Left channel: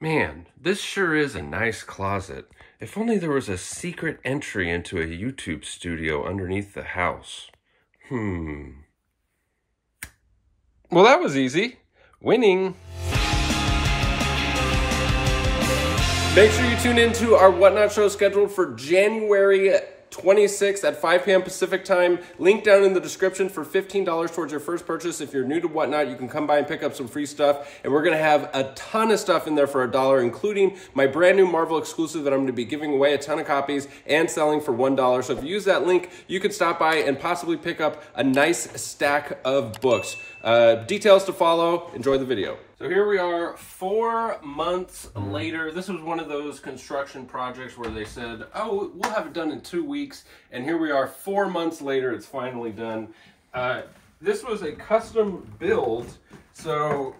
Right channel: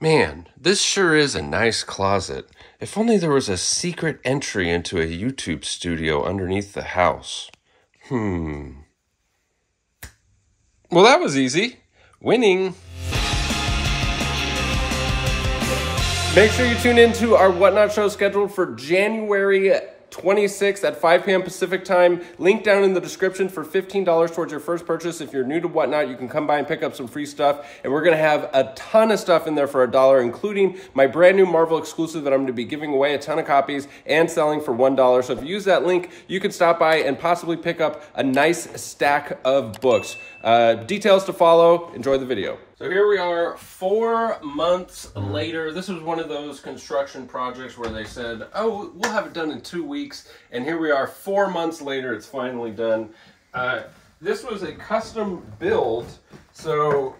Man, this sure is a nice closet. If only there was a secret entry into a YouTube studio underneath the house. Well, that was easy. Winning. Make sure you tune into our Whatnot show scheduled for January 26th at 5 p.m. Pacific time. Link down in the description for $15 towards your first purchase. If you're new to Whatnot, you can come by and pick up some free stuff. And we're going to have a ton of stuff in there for $1, including my brand new Marvel exclusive that I'm going to be giving away a ton of copies and selling for $1. So if you use that link, you can stop by and possibly pick up a nice stack of books. Details to follow. Enjoy the video. So here we are 4 months later. This was one of those construction projects where they said, oh, we'll have it done in 2 weeks. And here we are 4 months later, it's finally done. This was a custom build. So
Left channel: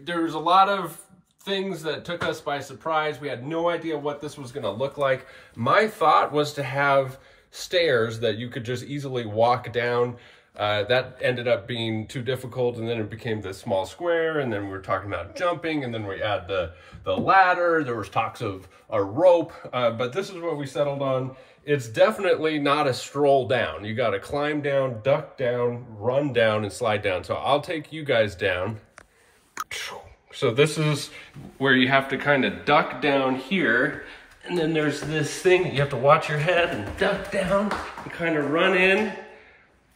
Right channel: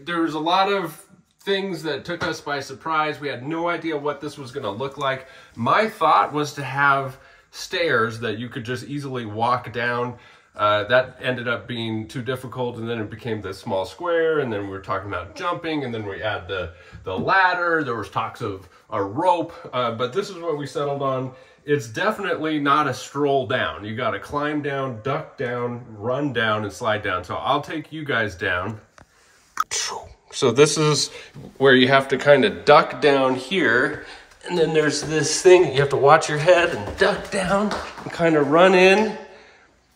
there was a lot of things that took us by surprise. We had no idea what this was gonna look like. My thought was to have stairs that you could just easily walk down. That ended up being too difficult, and then it became this small square, and then we were talking about jumping, and then we add the ladder. There was talks of a rope, but this is what we settled on. It's definitely not a stroll down. You got to climb down, duck down, run down, and slide down. So I'll take you guys down. So this is where you have to kind of duck down here, and then there's this thing. You have to watch your head and duck down and kind of run in.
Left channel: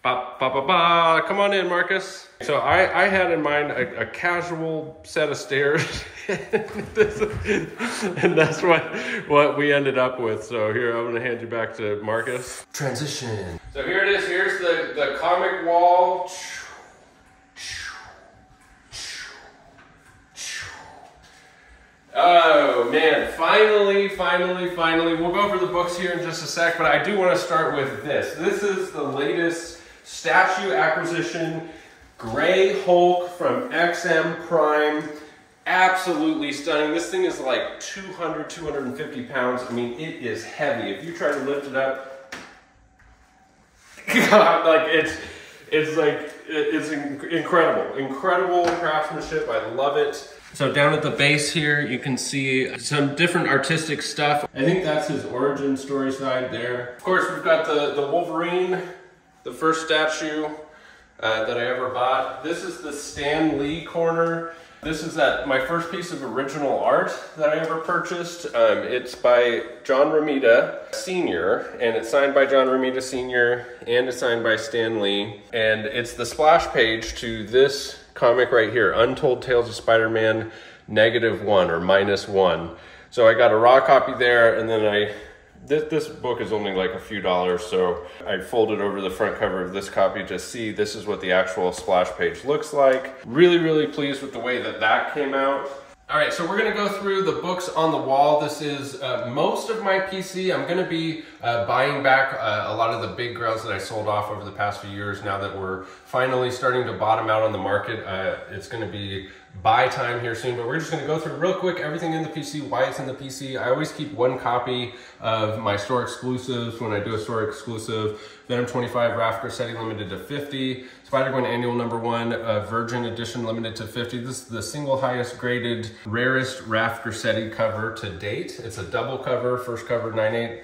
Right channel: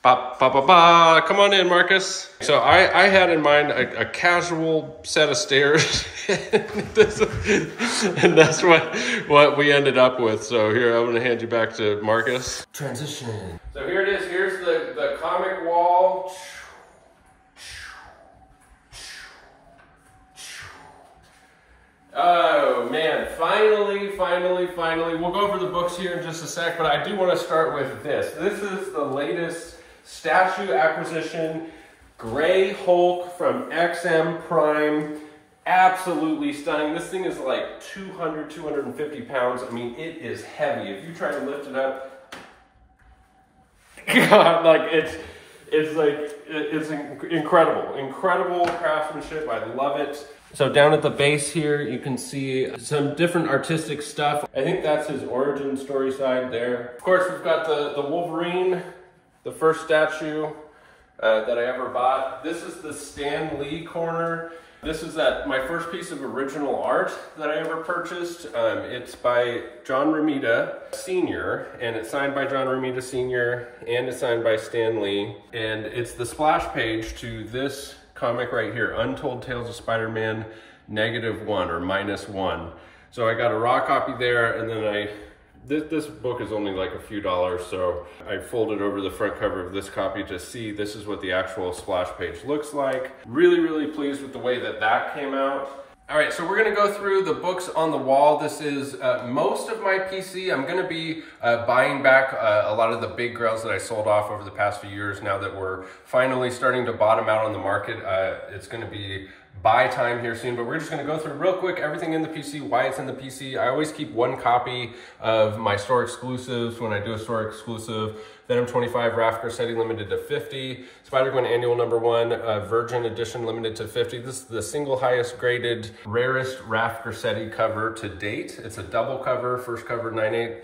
Ba, ba, ba, ba. Come on in, Marcus. So I had in mind a casual set of stairs, and that's what we ended up with. So here, I'm gonna hand you back to Marcus. Transition. So here it is, here's the comic wall. Oh man, finally. We'll go over the books here in just a sec, but I do want to start with this. This is the latest statue acquisition, Gray Hulk from XM Prime. Absolutely stunning. This thing is like 250 pounds. I mean, it is heavy. If you try to lift it up, God, like it's incredible craftsmanship. I love it. So down at the base here, you can see some different artistic stuff. I think that's his origin story side there. Of course, we've got the Wolverine, the first statue that I ever bought. This is the Stan Lee corner. This is my first piece of original art that I ever purchased. It's by John Romita Sr., and it's signed by John Romita Sr., and it's signed by Stan Lee. And it's the splash page to this comic right here, Untold Tales of Spider-Man -1 or -1. So I got a raw copy there, and then this book is only like a few dollars, so I folded over the front cover of this copy to see this is what the actual splash page looks like. Really pleased with the way that came out. All right, so we're gonna go through the books on the wall. This is most of my PC. I'm gonna be buying back a lot of the big grails that I sold off over the past few years. Now that we're finally starting to bottom out on the market, it's gonna be buy time here soon, but we're just gonna go through real quick everything in the PC, why it's in the PC. I always keep one copy of my store exclusives when I do a store exclusive. Venom 25 Raph Grassetti limited to 50, SpiderGwen Annual #1 Virgin Edition limited to 50. This is the single highest graded, rarest Raph Grassetti cover to date. It's a double cover, first cover 9.8,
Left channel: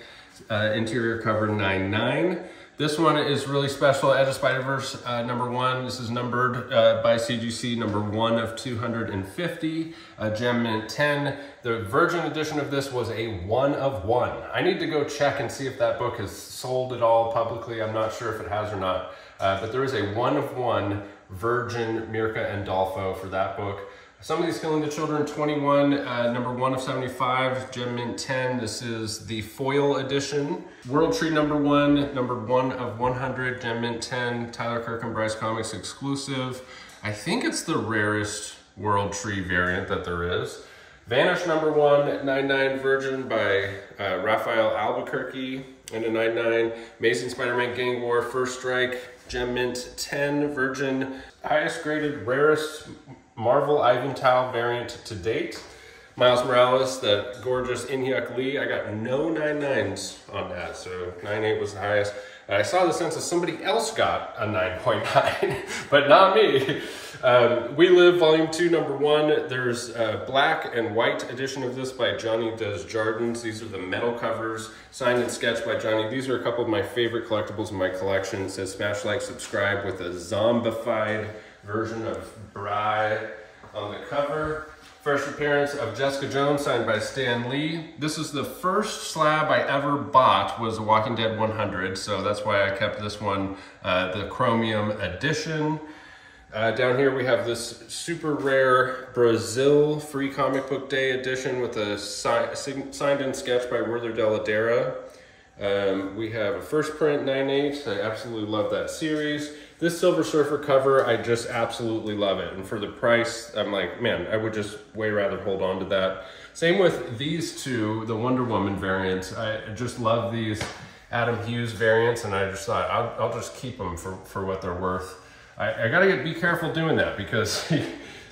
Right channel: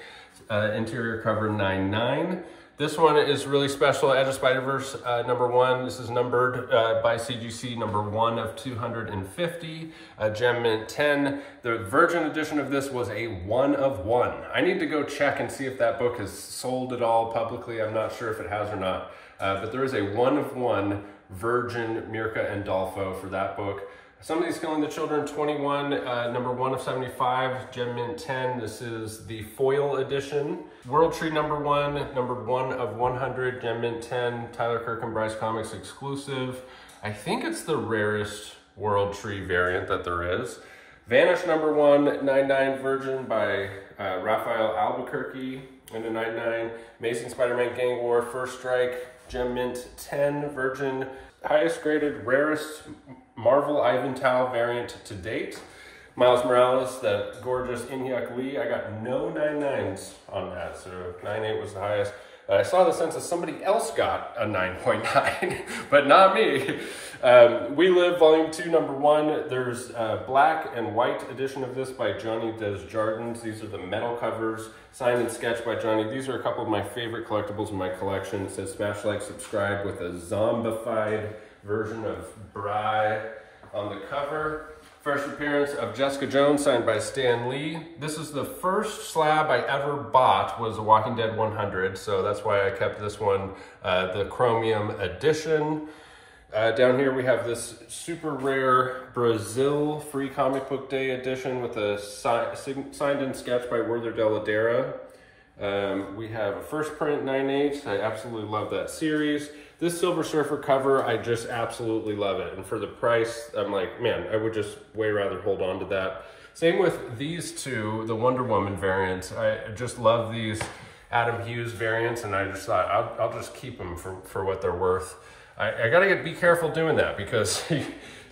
interior cover 9.9. This one is really special, Edge of Spider-Verse #1. This is numbered by CGC #1 of 250, Gem Mint 10. The Virgin edition of this was a 1 of 1. I need to go check and see if that book is sold at all publicly. I'm not sure if it has or not, but there is a 1 of 1 Virgin Mirka and Dolfo for that book. Some of these Killing the Children 21, #1 of 75, Gem Mint 10. This is the foil edition. World Tree #1, #1 of 100, Gem Mint 10, Tyler Kirk and Bryce Comics exclusive. I think it's the rarest World Tree variant that there is. Vanish #1, 9.9 Virgin by Raphael Albuquerque and a 9.9. Amazing Spider-Man Gang War, First Strike, Gem Mint 10 Virgin. Highest graded, rarest Marvel Ivantow variant to date. Miles Morales, that gorgeous Inhyuk Lee. I got no 9.9s on that, so 9.8 was the highest. I saw the census, somebody else got a 9.9, but not me. We Live Volume 2, Number 1. There's a black and white edition of this by Johnny Desjardins. These are the metal covers, signed and sketched by Johnny. These are a couple of my favorite collectibles in my collection. It says smash, like, subscribe with a zombified version of Bry on the cover. First appearance of Jessica Jones, signed by Stan Lee. This is the first slab I ever bought, was the Walking Dead 100, so that's why I kept this one, the Chromium edition. Down here we have this super rare Brazil Free Comic Book Day edition with a signed and sketched by Werther Dell'Edera. We have a first print 9/8. I absolutely love that series. This Silver Surfer cover, I just absolutely love it. And for the price, I'm like, man, I would just way rather hold on to that. Same with these two, the Wonder Woman variants. I just love these Adam Hughes variants, and I just thought I'll just keep them for what they're worth. I gotta be careful doing that, because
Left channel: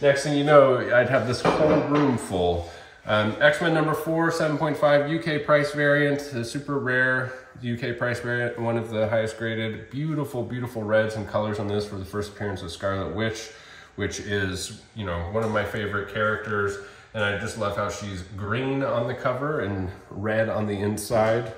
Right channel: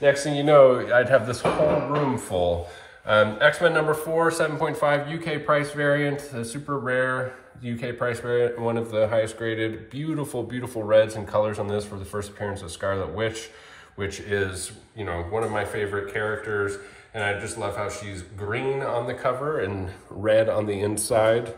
next thing you know, I'd have this whole room full. X-Men number 4, 7.5 UK price variant, the super rare UK price variant, one of the highest graded. Beautiful, beautiful reds and colors on this for the first appearance of Scarlet Witch, which is, you know, one of my favorite characters. And I just love how she's green on the cover and red on the inside.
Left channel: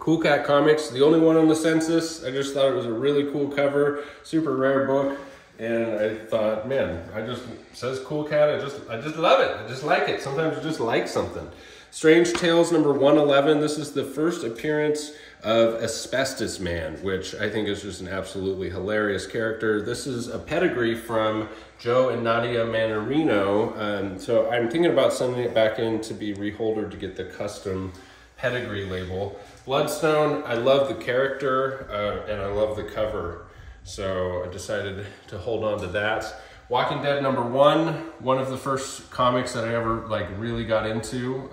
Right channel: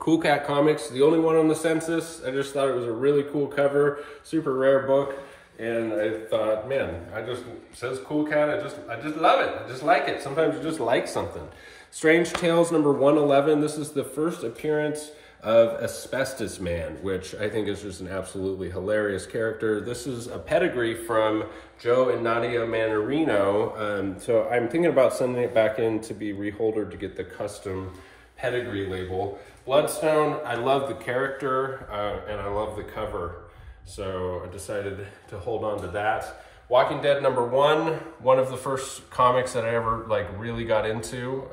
Cool Cat Comics, the only one on the census. I just thought it was a really cool cover, super rare book. And I thought, man, it says Cool Cat, I just love it. I just like it. Sometimes you just like something. Strange Tales number 111. This is the first appearance of Asbestos Man, which I think is just an absolutely hilarious character. This is a pedigree from Joe and Nadia Manarino. So I'm thinking about sending it back in to be reholdered to get the custom pedigree label. Bloodstone, I love the character and I love the cover. So I decided to hold on to that. Walking Dead number 1, one of the first comics that I ever really got into.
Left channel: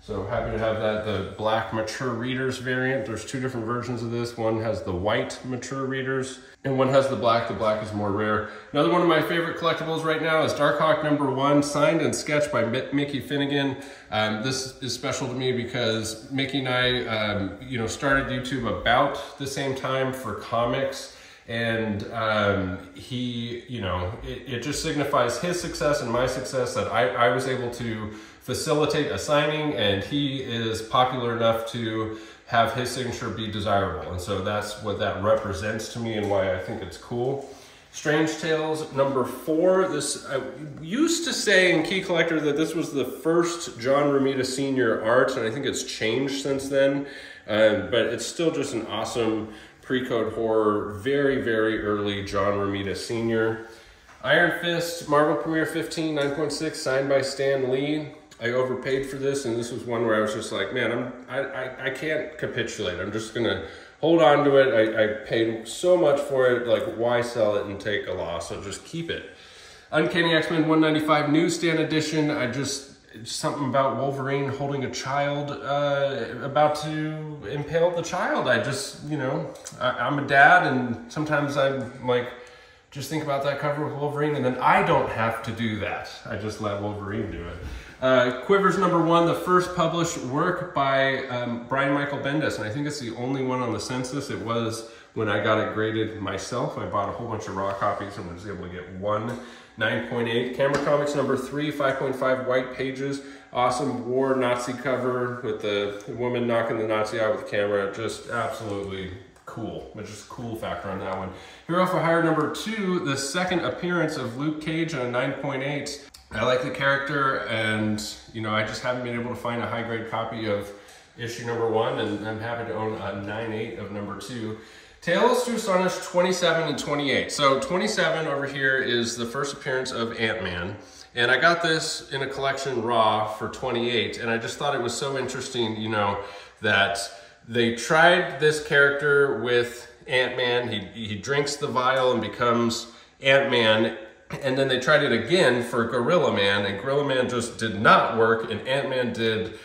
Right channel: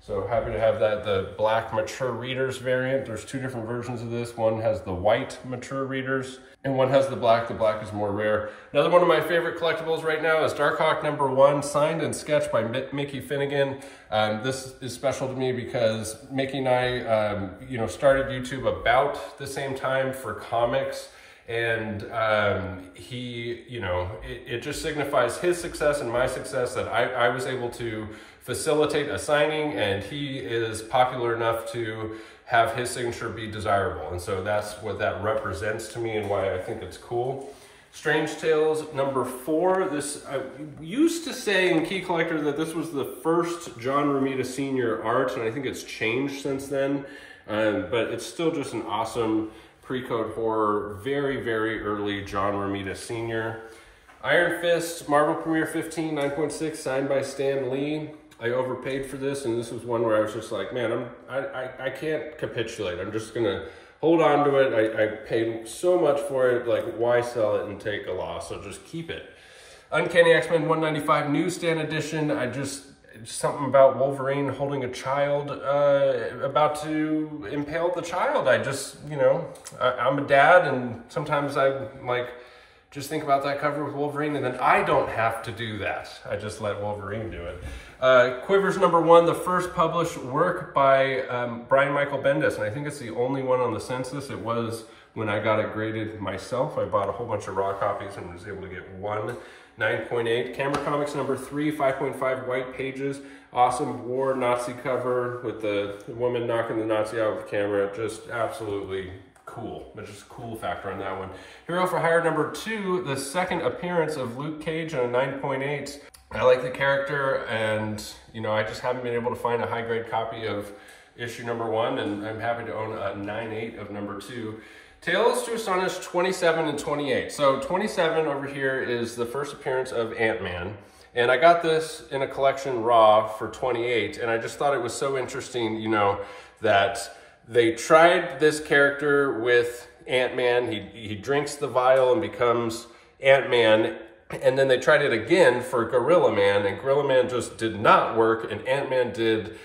So happy to have that, the black mature readers variant. There's two different versions of this. One has the white mature readers and one has the black. The black is more rare. Another one of my favorite collectibles right now is Darkhawk number 1, signed and sketched by Mickey Finnegan. This is special to me because Mickey and I, started YouTube about the same time for comics. And it just signifies his success and my success that I was able to facilitate a signing, and he is popular enough to have his signature be desirable. And so that's what that represents to me and why I think it's cool. Strange Tales number 4. This, I used to say in Key Collector that this was the first John Romita Sr. art, and I think it's changed since then. But it's still just an awesome pre-code horror, very, very early John Romita Sr. Iron Fist, Marvel Premiere 15, 9.6, signed by Stan Lee. I overpaid for this, and this was one where I was just like, man, I can't capitulate. I'm just gonna hold on to it. I paid so much for it, why sell it and take a loss? So just keep it. Uncanny X-Men 195 newsstand edition. Something about Wolverine holding a child, about to impale the child. I'm a dad, and sometimes I'm just think about that cover with Wolverine, and then I don't have to do that. I just let Wolverine do it. Quivers number 1, the first published work by Brian Michael Bendis, and I think it's the only one on the census. It was when I got it graded myself. I bought a whole bunch of raw copies and was able to get one. 9.8. Camera Comics number 3, 5.5 white pages. Awesome war Nazi cover with the woman knocking the Nazi out with the camera. Just absolutely cool. But just cool factor on that one. Hero for Hire number 2, the second appearance of Luke Cage on a 9.8. I like the character, and I just haven't been able to find a high grade copy of issue number 1, and I'm happy to own a 9.8 of number 2. Tales to Astonish 27 and 28. So 27 over here is the first appearance of Ant-Man. And I got this in a collection raw for 28. And I just thought it was so interesting, that they tried this character with Ant-Man. He drinks the vial and becomes Ant-Man. And then they tried it again for Gorilla Man. And Gorilla Man just did not work. And Ant-Man did.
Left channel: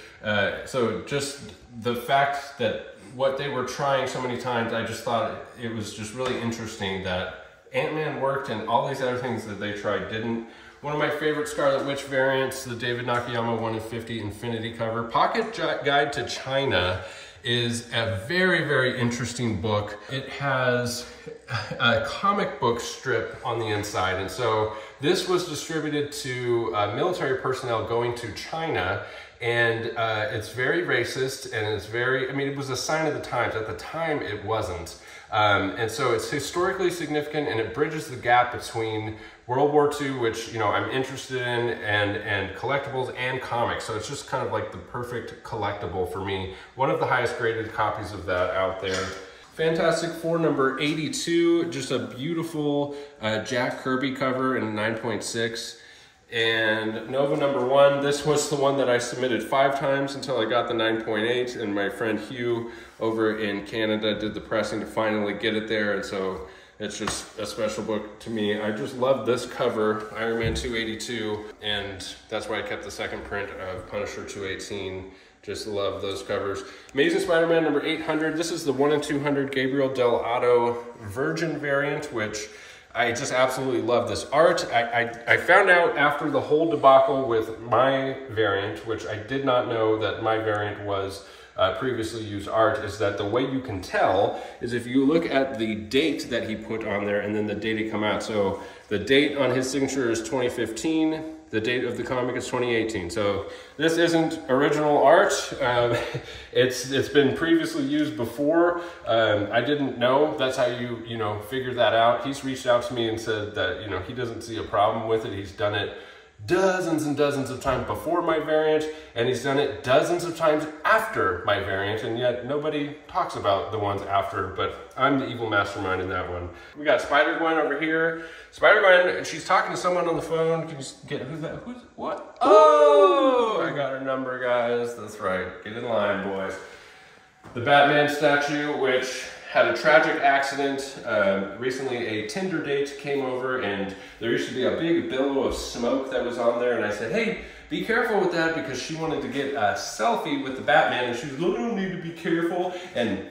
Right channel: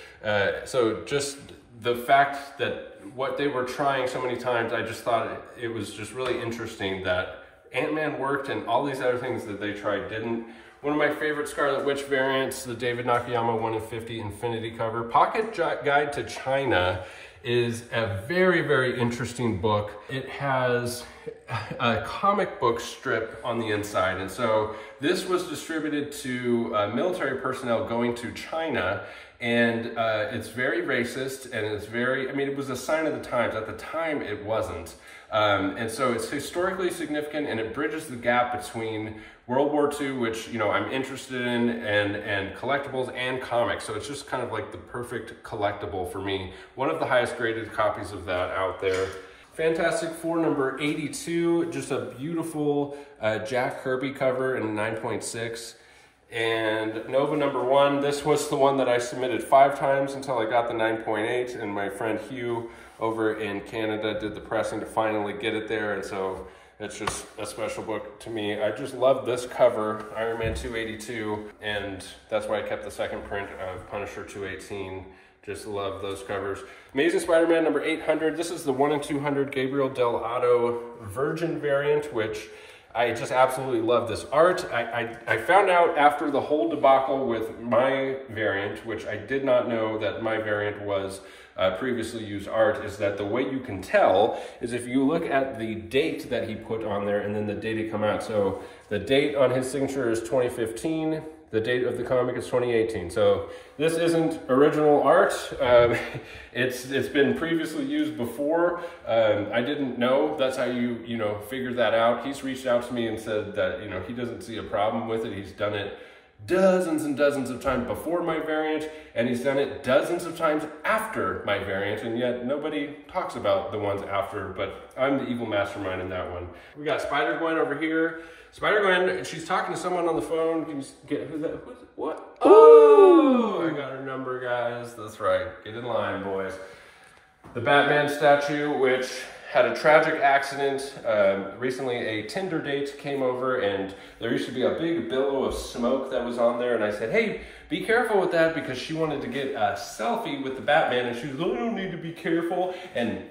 So just the fact that what they were trying so many times, I just thought it was just really interesting that Ant-Man worked and all these other things that they tried didn't. One of my favorite Scarlet Witch variants, the David Nakayama 1 of 50 Infinity cover. Pocket Guide to China is a very, very interesting book. It has a comic book strip on the inside. And so this was distributed to military personnel going to China. And it's very racist, and it's very, I mean, it was a sign of the times. At the time, it wasn't. And so it's historically significant, and it bridges the gap between World War II, which, you know, I'm interested in, and collectibles and comics. So it's just kind of like the perfect collectible for me. One of the highest graded copies of that out there. Fantastic Four number 82, just a beautiful Jack Kirby cover in a 9.6. And Nova number 1, this was the one that I submitted 5 times until I got the 9.8, and my friend Hugh over in Canada did the pressing to finally get it there, and so it's just a special book to me. I just love this cover, Iron Man 282, and that's why I kept the second print of Punisher 218. Just love those covers. Amazing Spider-Man number 800. This is the 1 in 200 Gabriel Del Otto Virgin variant, which I just absolutely love this art. I found out after the whole debacle with my variant, which I did not know that my variant was previously used art, is that the way you can tell is if you look at the date that he put on there and then the date it come out. So the date on his signature is 2015. The date of the comic is 2018. So this isn't original art. It's been previously used before. I didn't know that's how you figure that out. He's reached out to me and said that he doesn't see a problem with it. He's done it dozens and dozens of times before my variant, and he's done it dozens of times after my variant, and yet nobody talks about the ones after, but I'm the evil mastermind in that one. We got SpiderGwen over here. SpiderGwen, she's talking to someone on the phone. Can you get who's that? Who's what? Oh, I got her number, guys. That's right. Get in line, boys. The Batman statue, which had a tragic accident. Recently a Tinder date came over, and there used to be a big billow of smoke that was on there, and I said, hey, be careful with that, because she wanted to get a selfie with the Batman, and she was like, I don't need to be careful, and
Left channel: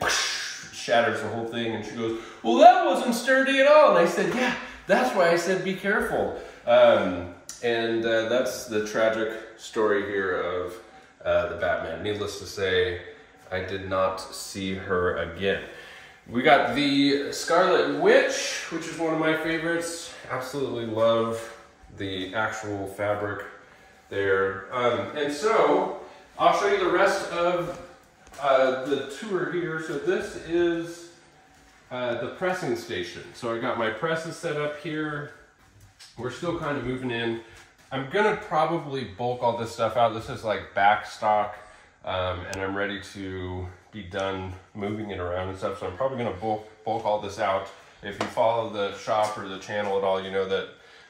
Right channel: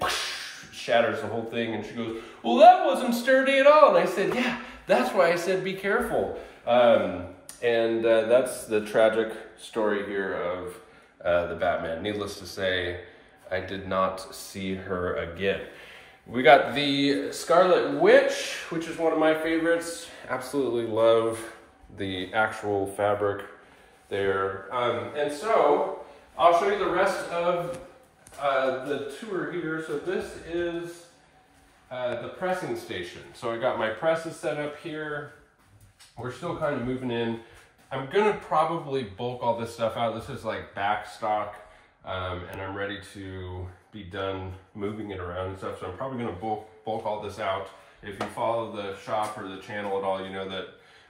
shatters the whole thing, and she goes, well, that wasn't sturdy at all. And I said, yeah, that's why I said be careful. That's the tragic story here of the Batman. Needless to say, I did not see her again. We got the Scarlet Witch, which is one of my favorites. Absolutely love the actual fabric there. And so, I'll show you the rest of the tour here. So this is the pressing station. So I got my presses set up here. We're still kind of moving in. I'm gonna probably bulk all this stuff out. This is like back stock, and I'm ready to be done moving it around and stuff. So I'm probably gonna bulk all this out. If you follow the shop or the channel at all, you know that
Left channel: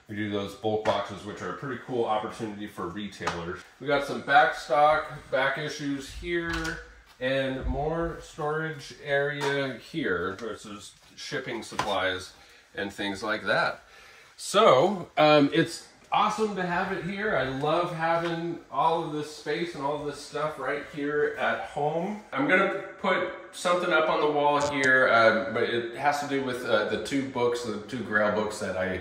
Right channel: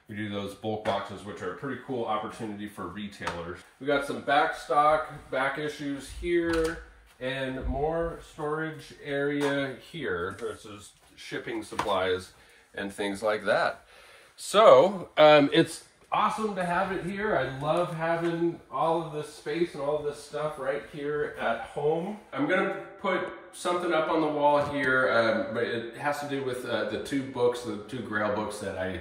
we do those bulk boxes, which are a pretty cool opportunity for retailers. We got some back stock, back issues here, and more storage area here versus shipping supplies and things like that. So it's awesome to have it here. I love having all of this space and all of this stuff right here at home. I'm gonna put something up on the wall here, but it has to do with the 2 books, the 2 Grail books that I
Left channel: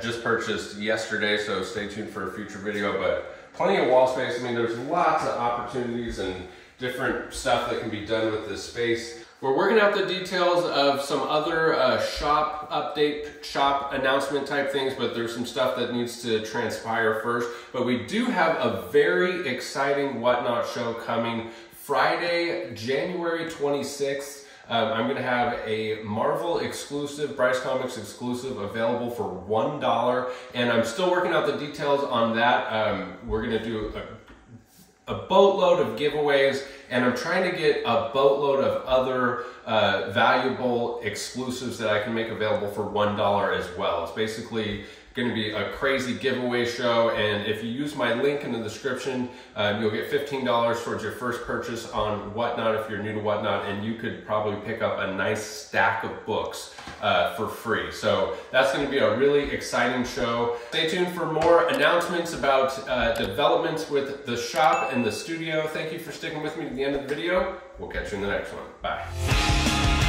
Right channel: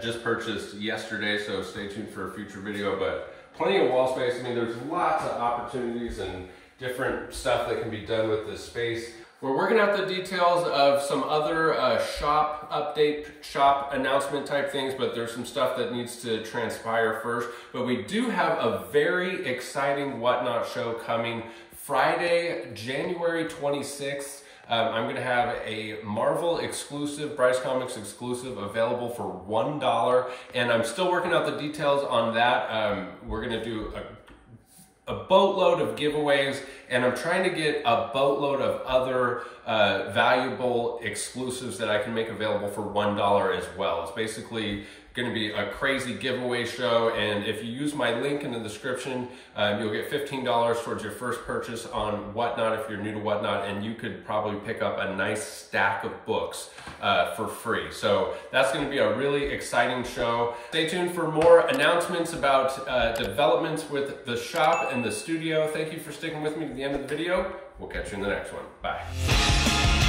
just purchased yesterday, so stay tuned for a future video, but plenty of wall space. I mean, there's lots of opportunities and different stuff that can be done with this space. We're working out the details of some other shop update, shop announcement type things, but there's some stuff that needs to transpire first. But we do have a very exciting Whatnot show coming Friday, January 26th. I'm gonna have a Marvel exclusive, Bryce Comics exclusive, available for $1. And I'm still working out the details on that. We're gonna do a boatload of giveaways, and I'm trying to get a boatload of other valuable exclusives that I can make available for $1 as well. It's basically going to be a crazy giveaway show, and if you use my link in the description, you'll get $15 towards your first purchase on Whatnot if you're new to Whatnot, and you could probably pick up a nice stack of books for free. So that's going to be a really exciting show. Stay tuned for more announcements about developments with the shop and the studio. Thank you for sticking with me to the end of the video. We'll catch you in the next one. Bye.